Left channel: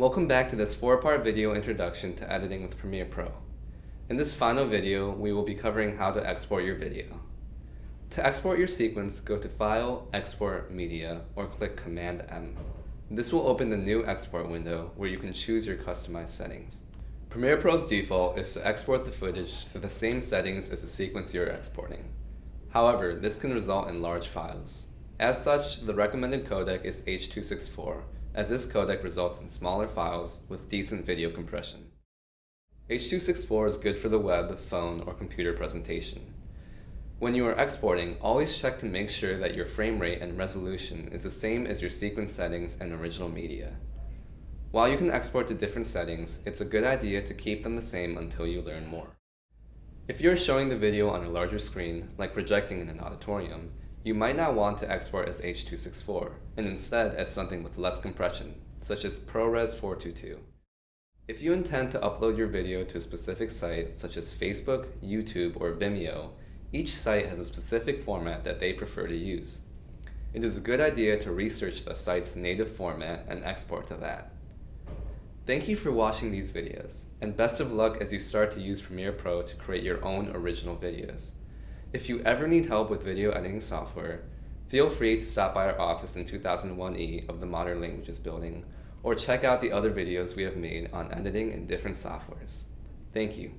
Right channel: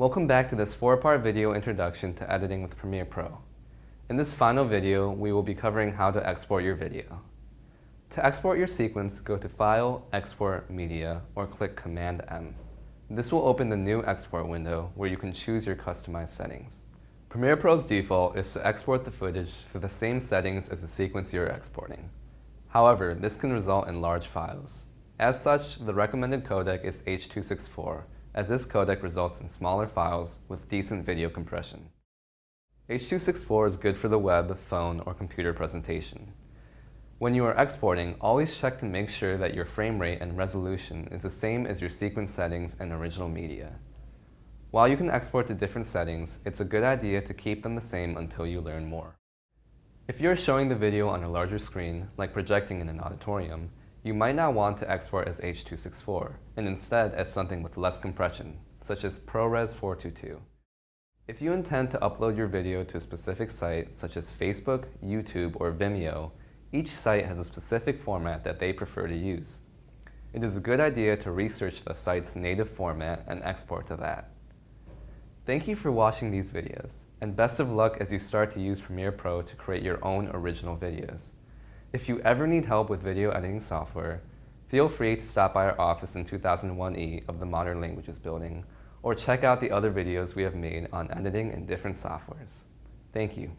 Welcome back to this 4-part video introduction to editing with Premiere Pro. In this final video, we will be covering how to export your video. To export your sequence, go to File, Export, Media, or click Command M. This will open the new export window where you can choose your customized settings. Premiere Pro's default is to export the footage to the same settings as the sequence you're exporting. However, this can result in large files. As such, the recommended codec is H.264, as this codec results in smaller files with decent video compression. H.264 is good for the web, phone, or computer presentation. When you are exporting, always check to make sure that your frame rate and resolution is the same as your sequence settings and original media. While you can export to different settings, it's a good idea to keep them the same until you learn more. If you're showing the video on a larger screen, like projecting in an auditorium, you might not want to export as H.264, and instead as something with less compression, such as ProRes 422. If you intend to upload your video to a specific site, such as Facebook, YouTube, or Vimeo, each site has a specific format that they prefer to use. It is a good idea to research the site's native format and export to that. Thank you for watching these videos, and best of luck as you start to use Premiere Pro to create your own original videos. If you ever need help with video editing software, feel free to stop by our office in 2001E of the Modern Languages building, or check out the other videos we have made on editing in different softwares. Thank you.